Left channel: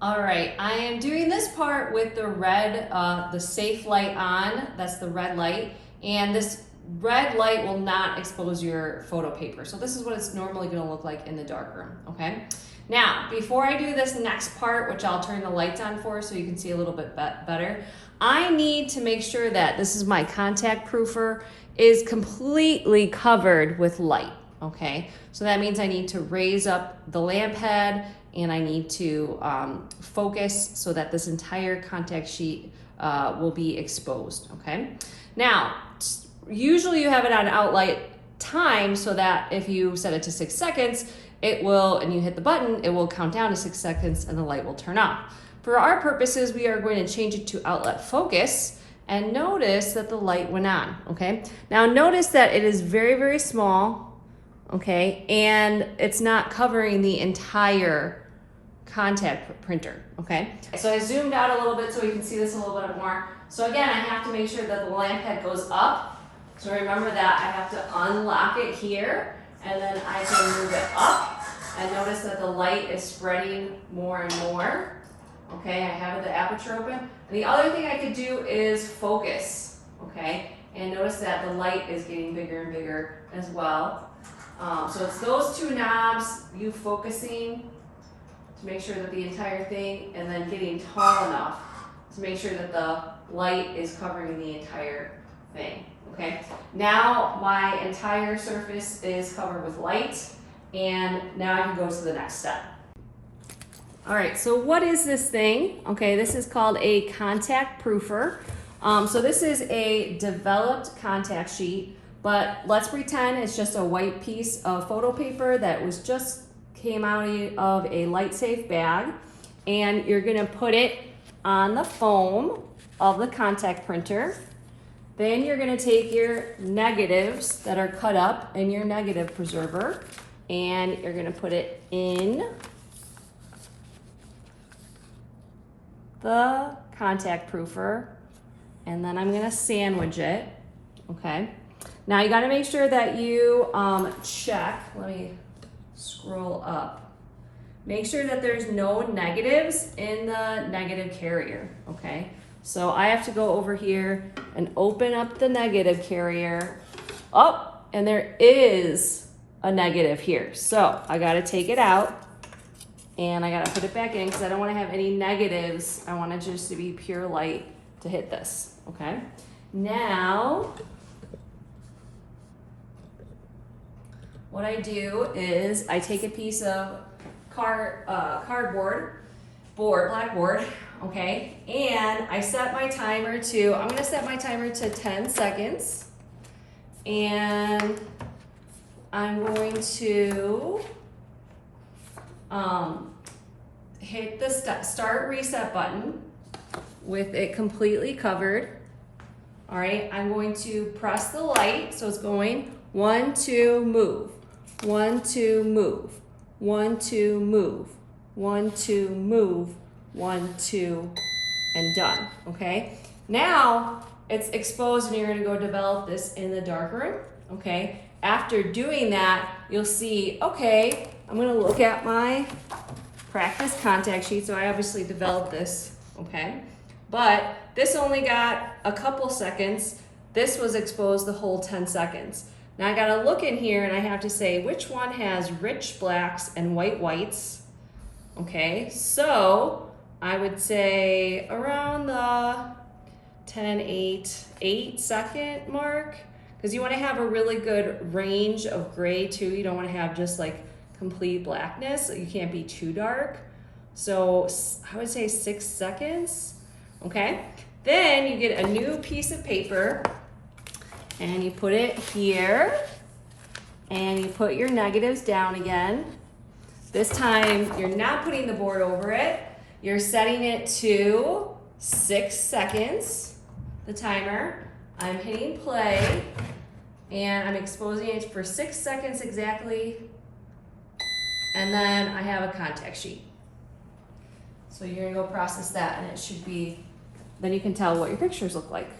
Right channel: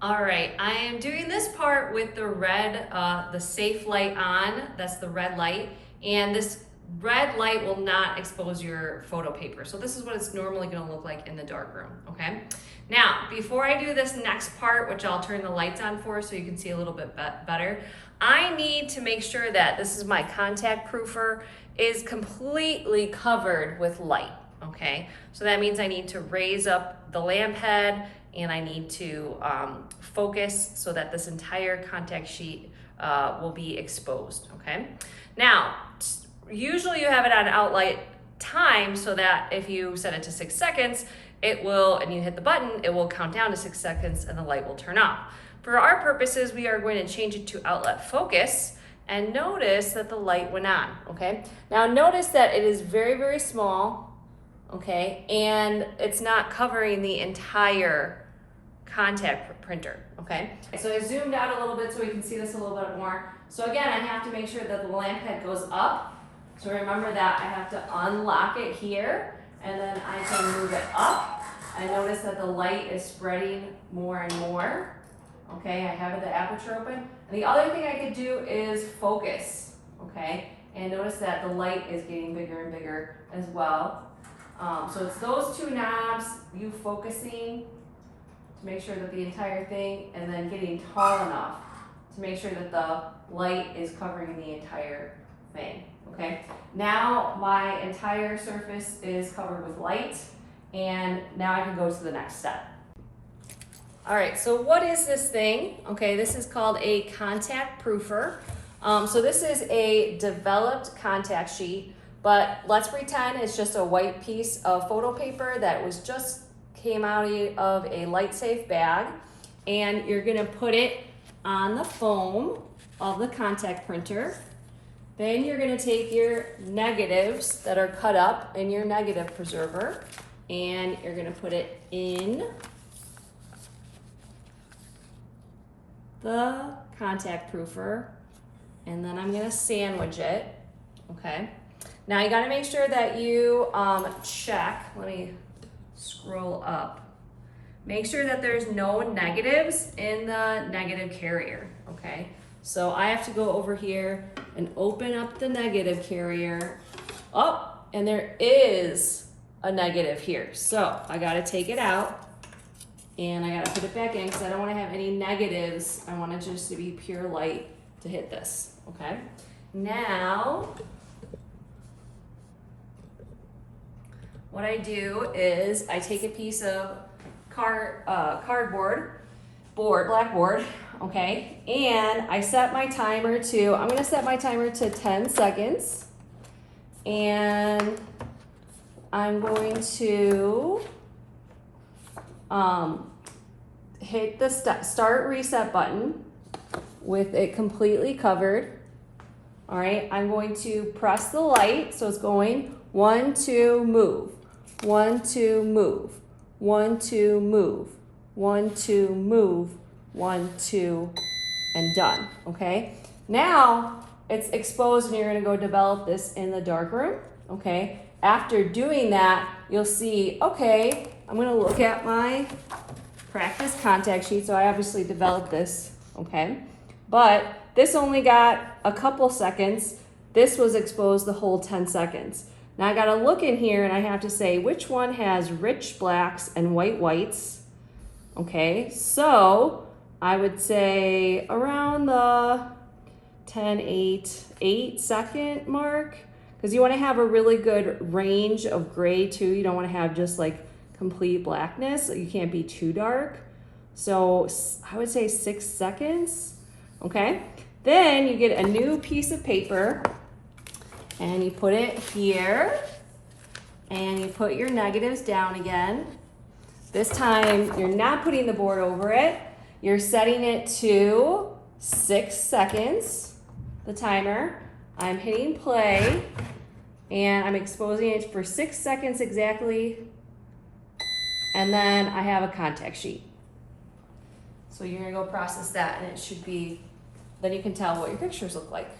All right, I am doing this part with the red, the safe light on, that's the red light, and this red light will not expose your photo paper. So this is what it's normally gonna look like in the darkroom, okay? Now, before I do this next part, which I'll turn the lights on for so you can see a little bit better, I need to make sure that this is my contact proofer is completely covered with light, okay? So that means I need to raise up the lamp head and I need to focus so that this entire contact sheet will be exposed, okay? Now, usually you have it on outlight time so that if you set it to 6 seconds, it will, and you hit the button, it will count down to 6 seconds and the light will turn off. For our purposes, we are going to change it to outlet focus and notice that the light went on, okay? Now notice that it is very, very small, okay? And it's not covering the entire contact printer, okay? So I zoomed out a little bit so we can see this a little bit more. So again, I have to make sure that the lamp head goes up. So remember that I have to unlock it here and then I can move it up. And notice that the light is spreading more and more. Okay, I have the aperture open. And the other thing I could do is focus, okay? And notice that the light is getting bigger and bigger as well. So it's those two knobs, you focusing to make sure that the entire thing, and then getting tall enough to make sure that the light is covering the entire thing, okay? Now my entire surface is covered with light, and now I can go to the next step. All right, so what is this thing? Okay, this is called a contact proofer. So this is a developed contact sheet, but let's pretend it's just a white piece of photo paper that was just came out of a LightSafe bag, and you're gonna put it on the foam of the contact printer. Then you're gonna take your negatives that are cut up in your negative preserver, and you're gonna put it in the contact proofer, and then I'm gonna sandwich it, okay? Now you gotta make sure that you check, let me scroll up. Make sure that there's no negatives in the negative carrier, okay? So I have to go over here and open up the negative carrier. Oh, and there is a negative here. So I gotta take it out and I gotta put it back in because I don't wanna have any negatives. I want it just to be pure light to hit this, okay? Now, what I do is I take a piece of blackboard, okay, and I set my timer to, I'm gonna set my timer to 10 seconds, and I'm going to hit the start reset button with it completely covered. All right, I'm going to press the light, so it's going 1, 2, move. 1, 2, move. 1, 2, move. 1, 2, move. 1, 2, and done, okay? Now it's exposed and you're gonna go develop this in the darkroom, okay? After doing that, you'll see, okay, I'm gonna look at my practice contact sheet. So I obviously developed this, okay? But this only got a couple seconds. This was exposed the whole 10 seconds. Now I gotta look in here and I have to say which one has rich blacks and white whites. Okay, so I would say around the 10, 8 second mark, because you wanna have a really good range of gray too. You don't wanna have just like complete blackness. You can't be too dark. So I would say 6 seconds, okay? Then you get a new piece of paper and you put it here and you put your negatives down again. This time you're not putting the board over it. You're setting it to 6 seconds, the timer. I'm hitting play and I'm exposing it for 6 seconds exactly. And then I have a contact sheet. So you're gonna go process that and it should be, then you can tell what your pictures look like.